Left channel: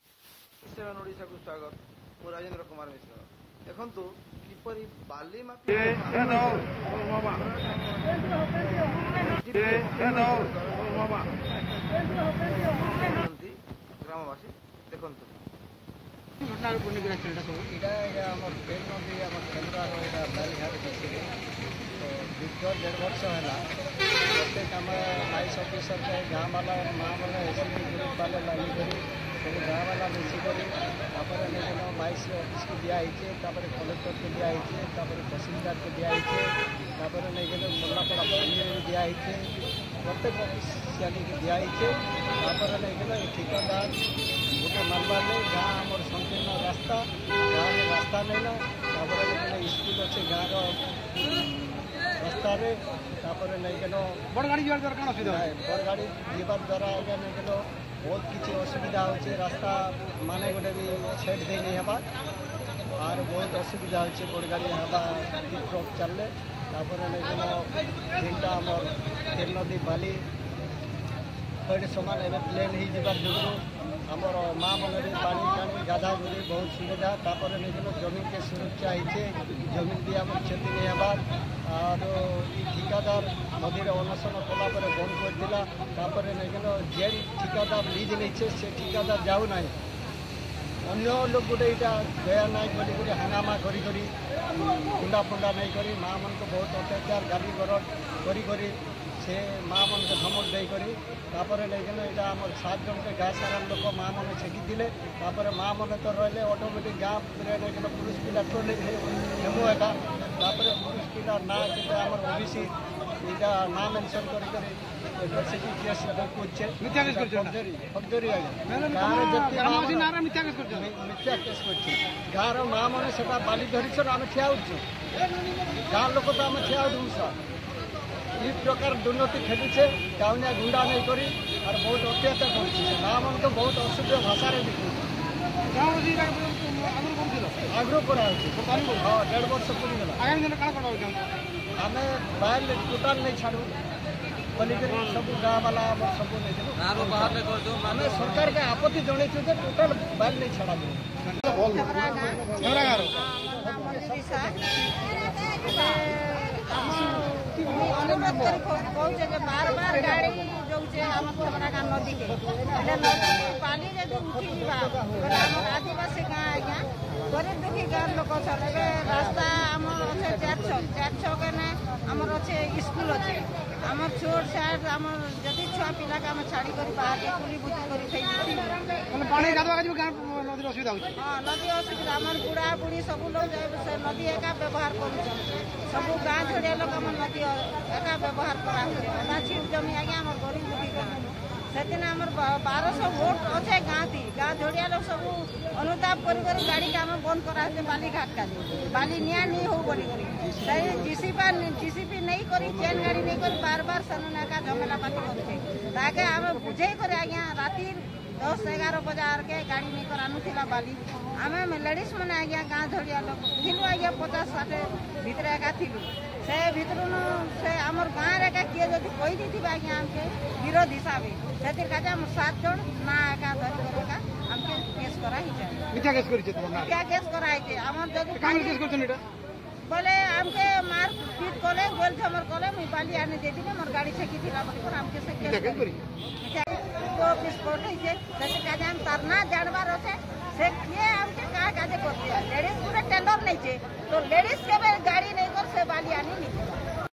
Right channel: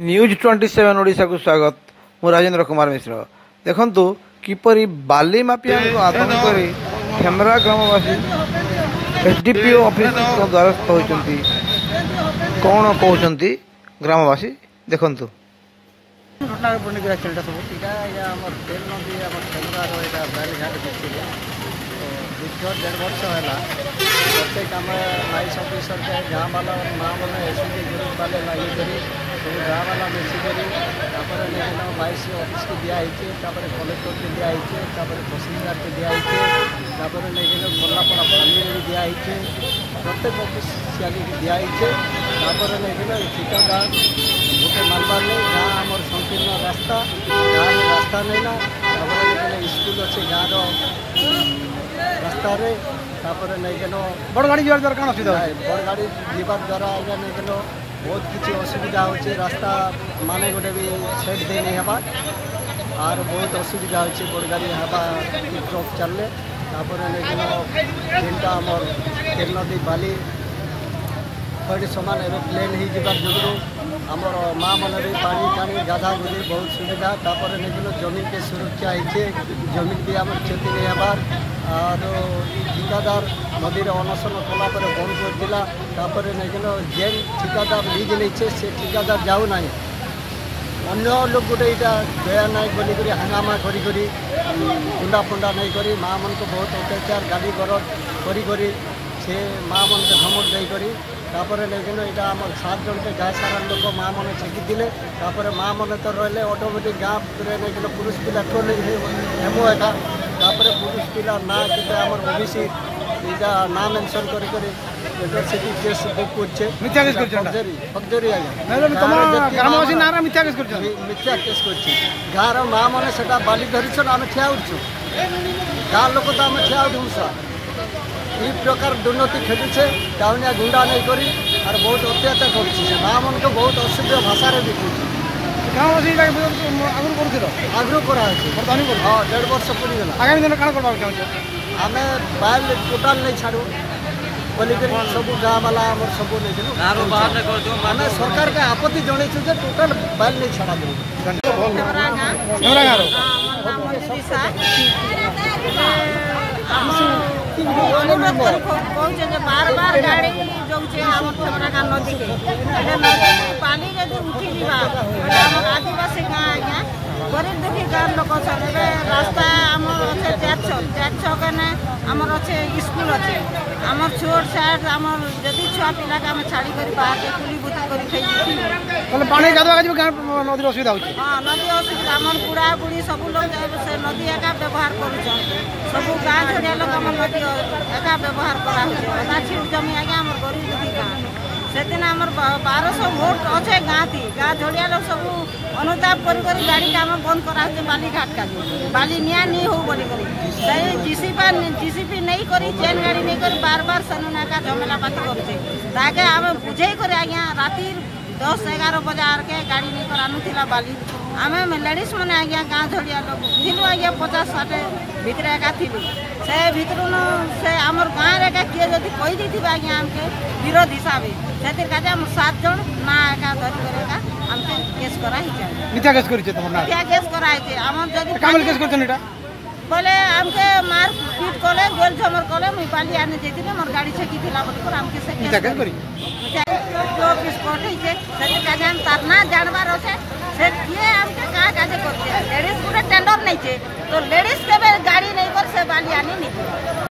News 27 Odisha को स्वागत। मु राजेंद्र कुमार मिश्र। देखंतु किपरि बाली माफिया को आतंक करी खेमरा ग्रामवासी एसडीपीओ ऑफिस को द्वारस्थ होइचंती। कोन कहउचंती ग्रामवासी देखंतु। घटना पूर्ण एक्सीडेंट सब इटा या हमर तेल नदी हमर खेमरा रो एटा बैल घाट बिछिले तो 1.5 वर्ष होला प्रत्येक हम लाइस ऑफिसर के गांव वाला मां वाला एसडी ग्रुप वाले लाई करी सब गाँव वाला मिसिक लेकिन 22 ऑफिस को दिया कलेक्टर के दिया तहसीलदार के दिया लेकिन गोलापड़ा पानी भी दिया प्रत्येक ऑफिसियाली के दिया लेकिन ठिकादार गोटे मानबार नहीं गाँ आम संकीर्ण रास्ता गाँव में रास्ता नहीं ना लेकिन स्कूल अच्छे गाँव रास्ता लेकिन बड़ गाड़ी जीवार द्वारा कौन बड़ गाड़ी जीवार द्वारा आज्ञा लेकिन बहुत किसी असुविधा होचे रास्ता माने गोटे भी सेट दे नहीं हवा और बहुत असुविधा होचे बड़ गाड़ी हवा ट्रक चलले लेकिन जेनटा आमर तेल नदी बाली बड़ी समान एवं प्लेन ही जीवार जो आमर माँ मन भी पानी टाणी गाधा गुधी बहुत सुविधा लेकिन जमीन के सुरक्षा होचे जमीन भी आम क्षति नहीं हबार और ठिकादार नदी अनशन कलापर बंद कर लेकिन जेन ठिकादार लीज नहीं से ठिकादार जाऊ ना अन्य लोग गोटे यहाँ दया नाई बोलिक हंगामा करी गुंडा फुंडा नहीं करी माँ मन को बहुत अत्याचार गाड़ी गरज करी से माँ मन के धमक देकर लेकिन यहाँ आम 7 जन के गाय सारा लोक माँ मन छेकी दिले माँ मन तो रही ऑटोमेटिक गाँव लेकिन पुरुष पिला टोल हेमो एका पुरुष पिला ना के आम ओबीसी इटा ना मेंशन एट्रोसिटी केस बुक मिथ्या केस गाँव माँ मैंने से बाली धरी आम ठिया उठु गाँ लोक तो आम ठिया उठू इ प्रकार दुर्नीति खेलुचे टाउनिया गुंडा नहीं करी और बहुत अत्याचार कर माँ मन को बहुत असुविधा भाषा भी आग्रह करा हाँ 1.5 वर्ष पूरीगला आगामी दिन कौन करवा आम बाइल टोटाल नहीं छाड़ू बोलिक सब गाँव वाला आम सब नहीं आम सरकार के आपत्ति जनईचु टोटाल बाइल नहीं छाड़ा अनुरोध कर कहते बार बार गाड़ी जाऊे आम खेमरा नदी के नदी पानी जब उठी जावा आम आदिवासी गाँ आज्ञा गरीब दुखी गाँव लोक रास्ता आमर अच्छे 4 छक आमर अच्छे स्कूल अच्छे आमर छोट साइड आमर जदि छुआ पिला के आम छाड़ी कर बाहर के कुली बुती कर नदी असुविधा हाँ नदी असुविधा आम बुढ़ा बुढ़ी सब लोग से नदी एका व्यवहार कर सब गाँ झड़िया लोग आम नदी एका व्यवहार करा छिट जमी आज्ञा आम गरीब दुखी गाँ से दिन आम 1200 वोट अच्छे गाँ थी गाँ झड़िया लोग सब अनुताप कर गाड़ी का आम बंद करा बाली घाट का बाली निया नहीं हो बोली जीसीपी नहीं करी चेन गाड़ी नहीं करी बार बार सनुना का झमेला पाती करते आम बुझे कर आज्ञा राति 10-11 बजार के गाड़ी नहीं कर आनुला बाली आम लेडीज मैंने आज्ञा गाँ झड़िया लोग थिलु आज्ञा 50-60 भितर एका थिलु से भितर से आमर गाँव एका किए जदि कही आज्ञा आमके विरोध हिसाब से आम 7 जन ना एका धरिक आमके केस कराई मिथ्या केस करिছে मिथ्या केस कराई आम जदि बोले आमके मार पीट कले गोल झमर कले मुई बाली आने जेतिने मोर गाड़ी छेकी थिला बोली आमके से केस ऑफिस पठे से काजे हम तारना जानबार होचे से किए आमके का काजे करते लेडीज पूरा टेंडर नहीं छे तो लेडीज के गाड़ी नहीं कर से बाली आनी नहीं।